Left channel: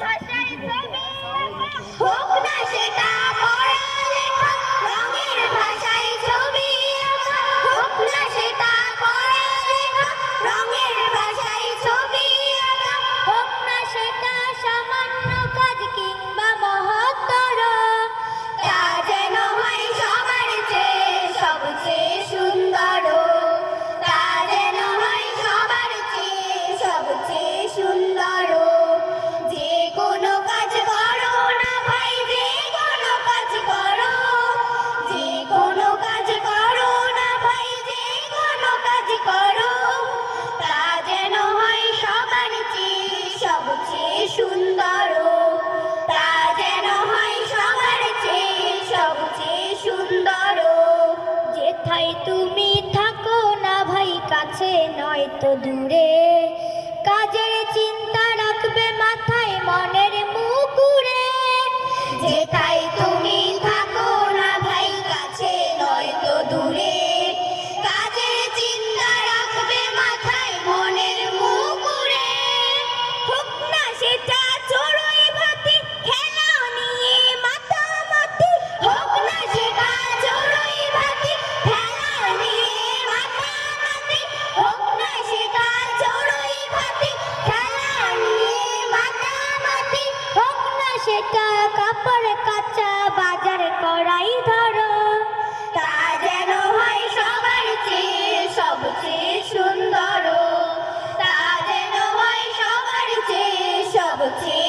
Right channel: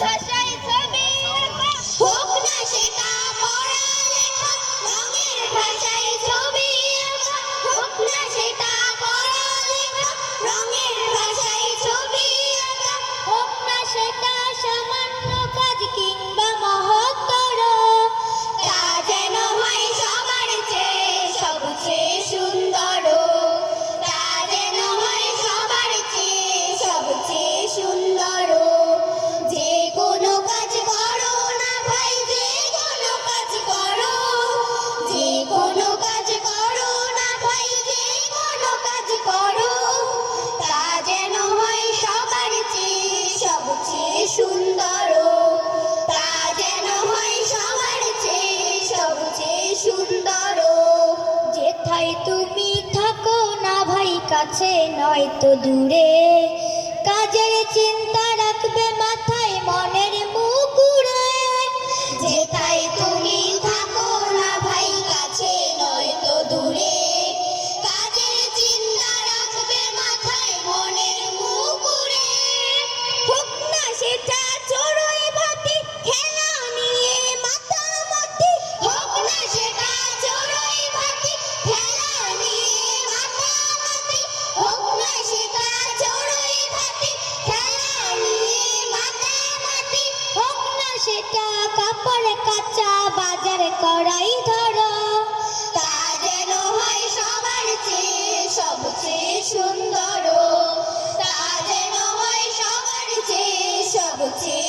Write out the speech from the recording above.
ভাষায় ছবি আঁকা, হোক না সেটা পড়ালেখা। রঙের ভাষায় ছবি আঁকা, হোক না সেটা পড়ালেখা। রঙের ভাষায় ছবি আঁকা, হোক না সেটা সামান্য কাজ কিংবা মহত্তর। তা যেন হয় সবার চেয়ে সবচেয়ে সুন্দর। তা যেন হয় সবার চেয়ে সবচেয়ে সুন্দর। যে কোনো কাজ করো না ভাই, যে কোনো কাজ করো। যে কোনো কাজ করো না ভাই, যে কোনো কাজ করো। তা যেন হয় সবার চেয়ে সবচেয়ে সুন্দর। তা যেন হয় সবার চেয়ে সবচেয়ে সুন্দর। যেথায় তুমি থাকো না ভাই, কাছে নয়তো দূরে, কাজের চিন্তা রাখবে মাথায় মনের মুকুরে। যেথায় তুমি থাকো না ভাই, কাছে নয়তো দূরে, কাজের চিন্তা রাখবে মাথায় মনের মুকুরে। হোক না সেটা চড়ুই ভাতি, খেলা নিয়ে মাতামাতি। হোক না সেটা চড়ুই ভাতি, খেলা নিয়ে মাতামাতি। হোক না সেটা চড়ুই ভাতি, খেলা নিয়ে মাতামাতি। হোক না সেটা কাপড় কাচা, বাজার করাই ধরো। তা যেন হয় সবার চেয়ে সবচেয়ে সুন্দর। তা যেন হয় সবার চেয়ে সবচেয়ে